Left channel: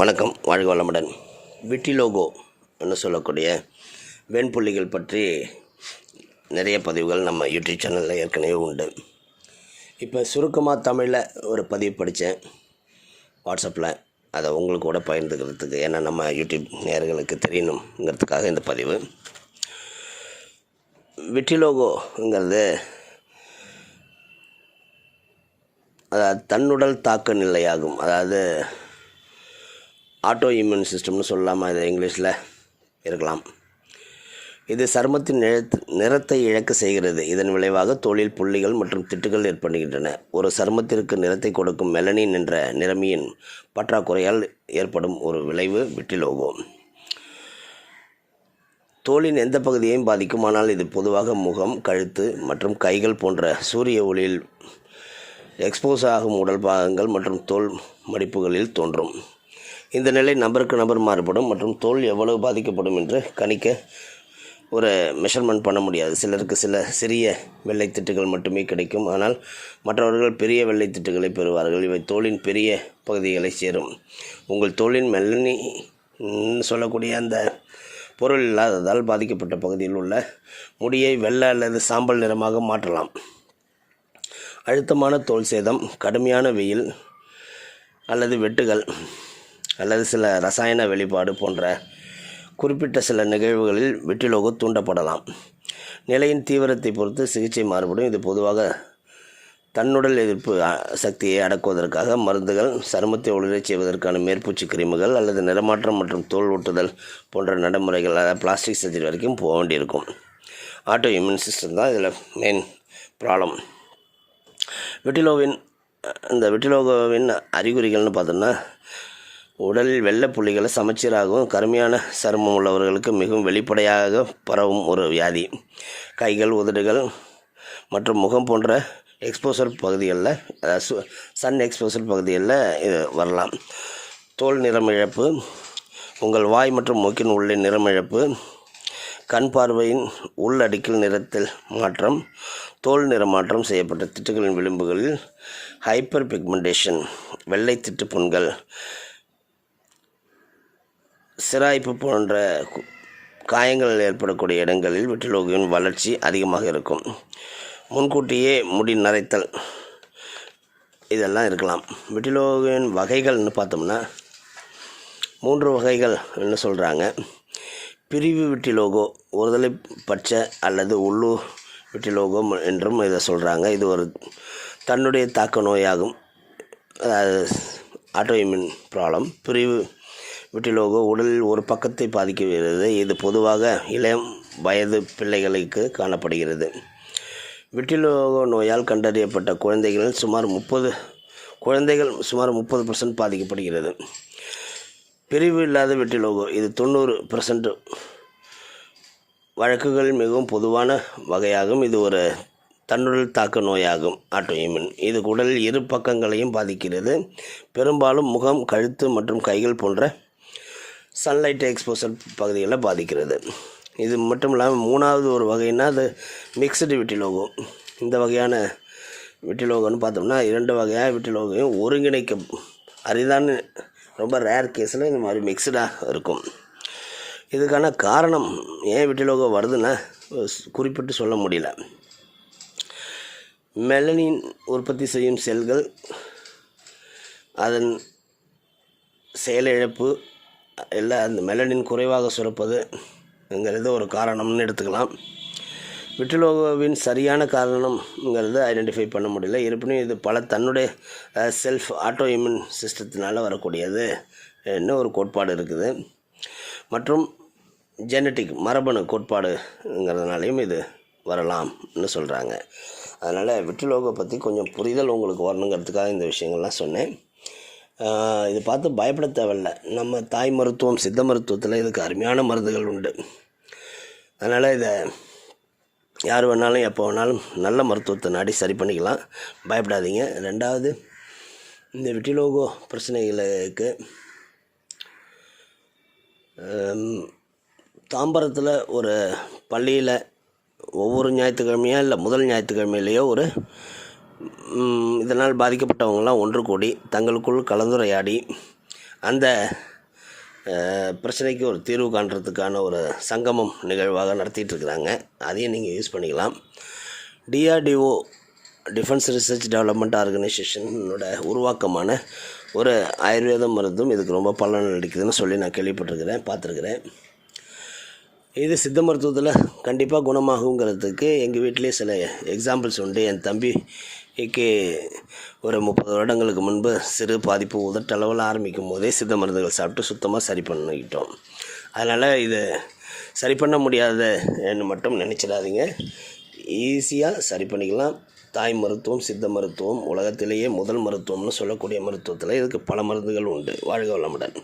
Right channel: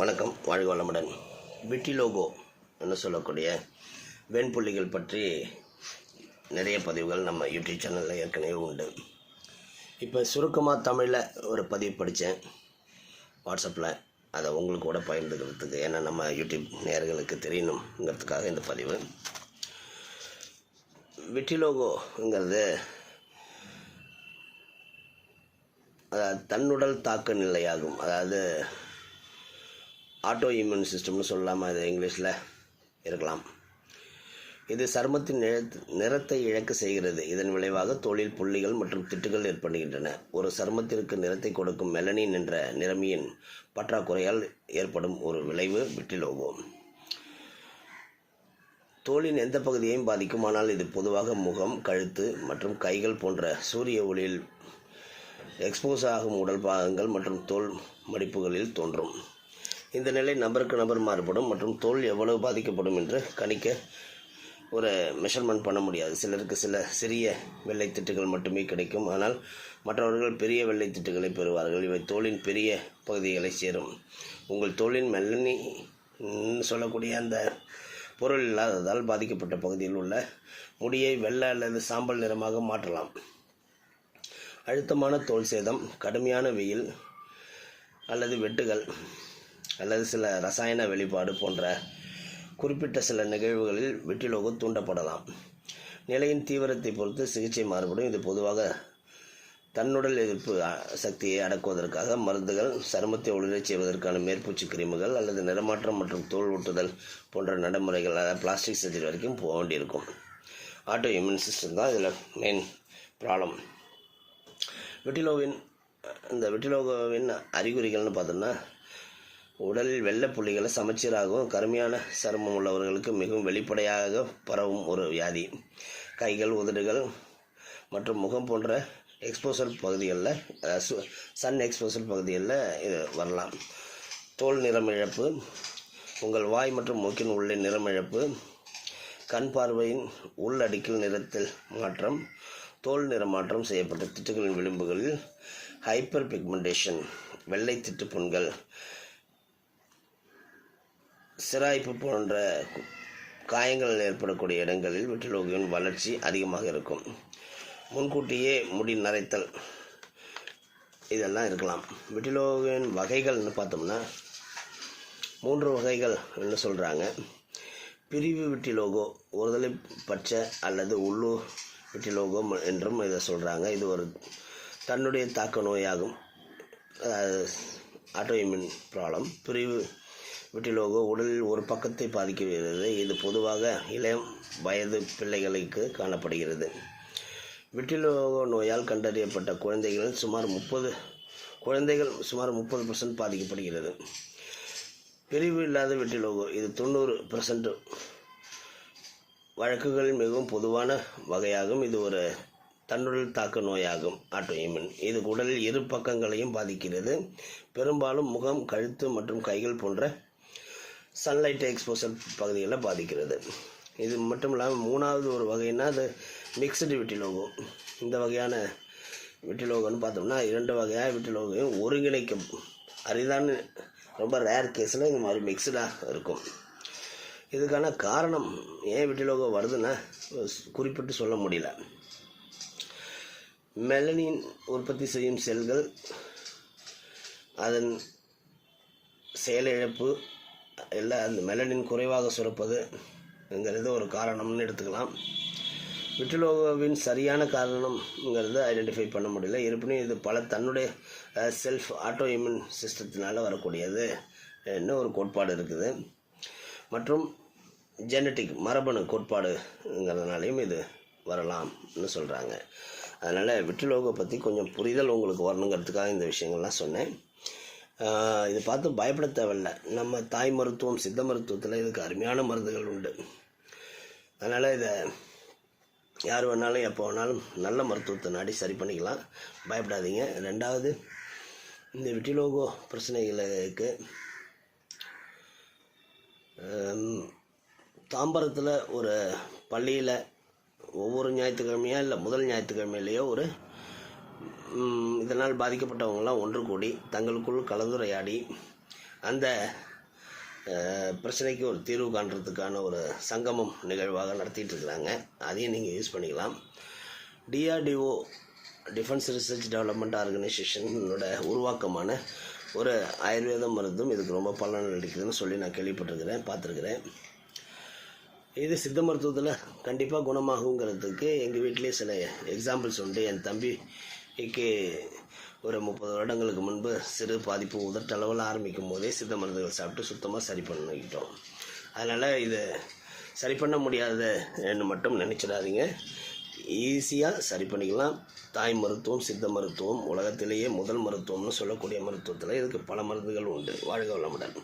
வணக்கம் வாழ்க வளமுடன். விட்டிலோகோ என்று சொல்லக்கூடிய வெண்புள்ளிகள் பற்றி நிறைய பதிவுகள் நம்ம யூடியூப் சேனலில் ஏற்கனவே உண்டு. இப்போ சுருக்கமாக தமிழில் ஒரு பதிவு படித்தேன் வாட்ஸ்அப்பில் அதை உங்களுக்கு கூட பகிர்ந்துக்கிறதுக்கு ஏன்னா நம்ம யூடியூப் நேயர்களுக்கு தெரியணுங்கிறதுக்காக இந்த பதிவு. விட்டிலோகோங்கிறது அதாவது தன்னுடல் தாக்க நிலையாகும். அதாவது ஆட்டோ இம்யூன் சிஸ்டம்னு சொல்லலாமா இது இங்கிலீஷில் இருக்கலாம். இது சருமத்தின் நிறத் நிறத்தை இழக்க செய்கிறது. இதன் விளைவாக தோளில் புள்ளிகள் மற்றும் திட்டுகள் ஏற்படுகின்றன. ஒரு சருமத்திற்கு நிறத்தை கொடுக்கும் மெலனின் என்ற நிறமியின் பற்றாக்குறையால் ஏற்படும் ஒரு விளைவு விட்டிலோகோ. தோலின் எந்த பகுதியையும் பாதிக்கும். ஆனால் இது பொதுவாக முகம் கழுத்து மற்றும் கைகள் போன்ற சூரிய ஒளியில் எக்ஸ்போஸ் ஆகும் உடல் பாகங்கள் மற்றும் தோல் மடிப்புகளில் தோன்றும். இந்த நிலை நபருக்கு நபர் மாறுபடும் மற்றும் தோல் எவ்வளவு பாதிக்கப்படும் என்று கணிக்க ஒரு மெஷர்மெண்ட் பண்ண முடியாது. சிலருக்கு சில சிறிய வெள்ளை திட்டுகள் மட்டுமே கிடைக்கும். ஆனால் மற்றவர்கள் பெரிய வெள்ளை திட்டுகளை பெறுவார்கள். இவை தோலின் பெரிய பகுதிகளை சேரும். உங்கள் தோலின் மெல்லனி சொல்லக்கூடிய அந்த பொருள் இல்லாததால் பாதிக்கப்பட்ட பகுதியில் உள்ள முடியை வெள்ளை அல்லது சாம்பல் நிறமாக மாற்றலாம். அழுத்தமான தோல் சேதம் கடுமையான வெயில் அல்லது வெட்டுகள் அல்லது சில ரசாயன வெளிப்பாடு போன்ற குறிப்பிட்ட சில நிகழ்வுகளில் வெட்டிலோகு தூண்டப்படலாம். நிலையின் தீவிரத்தை பொறுத்து சிகிச்சை மாறுபடும். இது பொதுவாக தன்னுடல் எதிர்ப்பு சக்தியை அடக்குவதற்காக மருந்துகள் சருமத்தை ஒளிரச் செய்வதற்கான மேற்பூச்சி கிருமிகள் அல்லது நிறமாற்றம் மற்றும் தோல் ஊட்டுதல் போன்ற நடைமுறைகள் அதாவது பிளாஸ்டிக் சர்ஜரி வரைக்கும் போக வேண்டியிருக்கும். ஆட்டோ இம்யூன் சிஸ்டம் தான் இதில் மெயின் ப்ராப்ளம். விட்டிலோவின் இந்த விட்டிலோகோவின் அறிகுறிகள்னு பார்த்தோம்னா உடலில் வெள்ளை புள்ளிகளை சமச்சீராகவும் கருமையான சருமம் உள்ளவர்களுக்கு மிகவும் வெளிப்படையாக பரவும் ஒரு வியாதி. கைகள் உதடுகள் மற்றும் முகம் போன்ற எக்ஸ்போசர் பகுதிகளில் சு- சன் எக்ஸ்போசர் பகுதிகளில் இது வரலாம். தோல் நிறமிழப்பு உங்கள் வாய் மற்றும் மூக்கின் உள்ளே நிறமிழப்பு கண் பார்வையின் உள்ளடுக்கில் நிறத்தில் மாற்றம் தோல் நிறமாற்றம் செய்யப்பட்ட திட்டுகளின் விளிம்புகளில் ஹைப்பர் பிக்மெண்டேஷன் வெள்ளை திட்டு புண்கள் சிராய்ப்பு போன்ற காயங்கள் ஏற்படக்கூடிய இடங்களில் விட்டிலோகின் வளர்ச்சி அதிகமாக இருக்கும். முன்கூட்டியே முடி நரைத்தல் இதெல்லாம் இருக்கலாம். விட்டிலோகியின் வகைகள்னு பார்த்தோம்னா மூன்று வகைகள் என்ன சொல்கிறாங்க பிரிவு விட்டிலோகோ ஒருதலை பட்ச அல்லது உள்ளூர் விட்டிலோகோ என்றும் இதை சொல்கிறாங்க இது ஒரு தன்னுடைய தாக்க நோயாகும். அதாவது ஆட்டோஇம்யூன் ப்ராப்ளம். பிரிவு விட்டிலோகோ உடலில் ஒரு பக்கத்தை பாதிக்கிறது. இது பொதுவாக இளம் வயது பிள்ளைகளுக்கு காணப்படுகிறது. விட்டிலோகோ நோயால் கண்டறியப்பட்ட குழந்தைகளில் சுமார் முப்பது குழந்தைகள் சுமார் முப்பது பர்சன்ட் பாதிக்கப்படுகிறது. பிரிவு இல்லாத வெட்டிலோகோ இது தொண்ணூறு பர்சன்ட் வழக்குகள் மிகவும் பொதுவான வகையாகும். இது ஒரு தன்னுடல் தாக்க நோயாகும் ஆட்டோஇம்யூன் இது உடலில் இரு பக்கங்களையும் பாதிக்கிறது. பெரும்பாலும் முகம் கழுத்து மற்றும் கைகள் போன்ற சன்லைட் எக்ஸ்போசர் பகுதிகளில் பாதிக்கிறது. இது மட்டும் இல்லாமல் மூணாவது ஒரு வகைன்னா அது மிக்சடு விட்டிலோகோ இந்த வகையான விட்டிலோகோன்னு பார்த்தோம்னா இரண்டு வகையாக விட்டிலோகையும் ஒருங்கிணைக்க அரிதான ரொம்ப ரேர் கேஸில் இந்த மாதிரி மிக்சடாக இருக்கும். இதுக்கான காரணம் ஏன் விட்டிலோகோ வருதுன்னா குறிப்பிட்டு சொல்ல முடியல. மெலனின் உற்பத்தி செய்யும் செல்கள் அதன் செயலிழப்பு இல்லை அந்த மெலனின் குறைவாக சுரப்பதுங்கிறது ஒரு காரணம்னு எடுத்துக்கலாம். விட்டிலோகோவின் சரியான காரணம்ங்கிறத ஐடென்டிஃபை பண்ண முடியல. இருப்பினும் இது பல தன்னுடைய செல்ஃப் ஆட்டோ இம்யூன் சிஸ்டத்தினால் வரக்கூடியது என்ன ஒரு கோட்பாடு இருக்குது. மற்றும் ஜெனட்டிக் மரபணு கோட்பாடுங்கிறதுனாலையும் இது வரலாம்னு சொல்கிறாங்க அதனால் விட்டிலோகோ பற்றி கொஞ்சம் புரிதல் உங்களுக்கு வரணுங்கிறதுக்காக இந்த விஷயங்கள்லாம் சொன்னேன். இது பார்த்து பயப்பட தேவையில்ல. நம்ம தாய் மருத்துவம் சித்த மருத்துவத்தில் இதுக்கு அருமையான மருந்துகள் உண்டு. அதனால் இதை யார் வேணாலும் எப்போ வேணாலும் நல்ல மருத்துவத்தை நாடி சரி பண்ணிக்கலாம். பயப்படாதீங்க. ரெண்டாவது இந்த விட்டிலோகோ பிரச்சனைகளுக்கு தாம்பரத்தில் ஒரு பள்ளியில் ஒவ்வொரு ஞாயிற்றுக்கிழமையோ இல்லை முதல் ஞாயிற்றுக்கிழமையிலேயோ ஒரு இதனால் பாதிக்கப்பட்டவங்களாம் ஒன்று கூடி தங்களுக்குள் கலந்துரையாடி அந்த பிரச்சனைக்கு ஒரு தீர்வு காண்றதுக்கான ஒரு சங்கமம் நிகழ்வாக நடத்திட்டு இருக்கிறாங்க அதையும் நீங்கள் யூஸ் பண்ணிக்கலாம். டிஆர்டிஓ டிஃபென்ஸ் ரிசர்ச் டெவலப்மெண்ட் ஆர்கனைசேஷனோட உருவாக்கமான ஒரு ஆயுர்வேத மருந்தும் இதுக்கு ரொம்ப பலன் அளிக்குதுன்னு சொல்லி நான் கேள்விப்பட்டிருக்கிறேன் பார்த்துருக்குறேன். இது சித்த மருத்துவத்தில் கண்டிப்பாக குணமாகுங்கிறதுக்கு எங்கள் வீட்டிலே சில எக்ஸாம்பிள்ஸ் உண்டு. என் தம்பி தம்பிக்கு ஒரு முப்பது வருடங்களுக்கு முன்பு சிறு பாதிப்பு உதட்டளவில் ஆரம்பிக்கும் போதே சித்த மருந்துகள் சாப்பிட்டு சுத்தமாக சரி பண்ணிக்கிட்டோம். அதனால் இது சரி பண்ண முடியாதுன்னு மட்டும் நினச்சிடாதீங்க. ஈஸியாக சரி பண்ணிக்கலாம். தாய் மருத்துவம் சித்த மருத்துவம் உலகத்திலேயே முதல் மருத்துவம்னு சொல்லக்கூடிய மருத்துவத்தில் இதுக்கு பல மருந்துகள் உண்டு. வாழ்க வளமுடன்.